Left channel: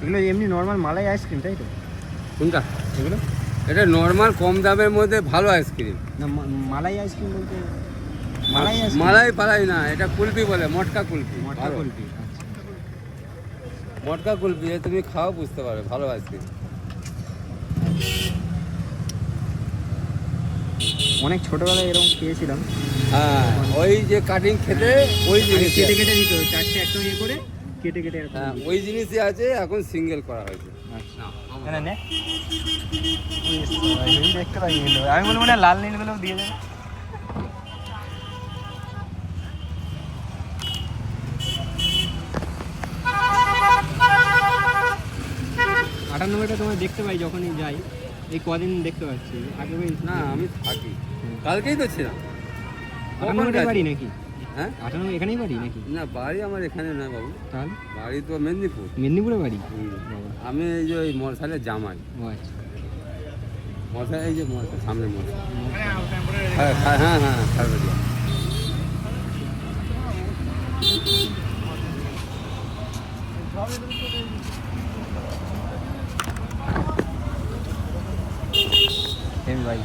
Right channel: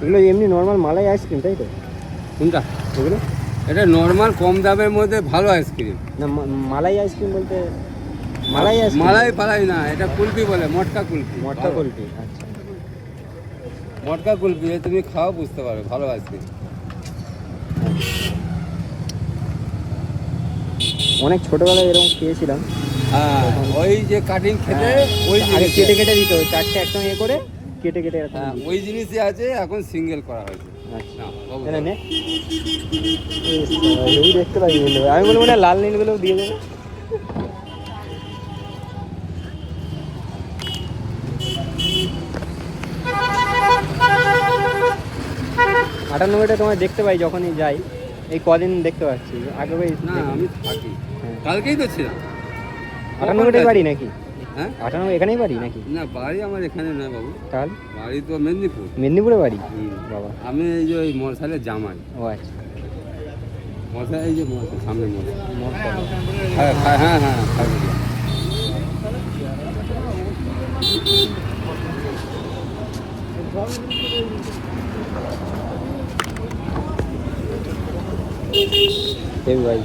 এগুলো এমনি নর্মাল মালাই আইসক্রিম তাই তো? কোনটা? এগুলো এটা নর্মাল কম দামের মধ্যে ভালো আইসক্রিম। না মালাই আইসক্রিম বলতে মালাই আইসক্রিম? মালাই ফালাই না, এটা কুলফি বলে, মটকা কুলফি। মটকা কুলফি, আচ্ছা। মটকা কুলফি তুমি খাও বুঝতে পারবে, ভালো আইসক্রিম। অনেক ছোটবেলায় এরকম খেয়েছিলাম। হ্যাঁ, ওই যে কাটিং খেতে ওই জিনিস কেটে কেটে দিত, চারটে একসঙ্গে এ করে কেটে কেটে এরকম হ্যাঁ, দিত। ওই জিনিসই আছে, এখন সিঙ্গেল করা হয়েছে। আচ্ছা। না বাবু, না, নে। এই দেখতে পাই নীল, আমি বলবো না লাল নীলগুলো দিয়ে দেবে। আটানব্বইটা তোমার দেখতে পাই যখনই যাই, এই কদিন দেখতে পাচ্ছি, আগে ভাই না আমি থাকি, হ্যাঁ। কালকেই তো ছিলাম। 98 বাড়ি নাকি? হ্যাঁ, 98 এখানেই বাড়ি নাকি? না বাড়ি আমার এখানে না বাবু, তাহলে বাড়ি তো মেদিনীপুর। মেদিনীপুরে বাড়ি? হুম। বাবা, আমি এই যে ওই মশালের জামাই। ও আচ্ছা। মশা, এই যে মশা, সামনে মশা। মশলা। হ্যাঁ হ্যাঁ হ্যাঁ, খারবেলিয়া। ভাই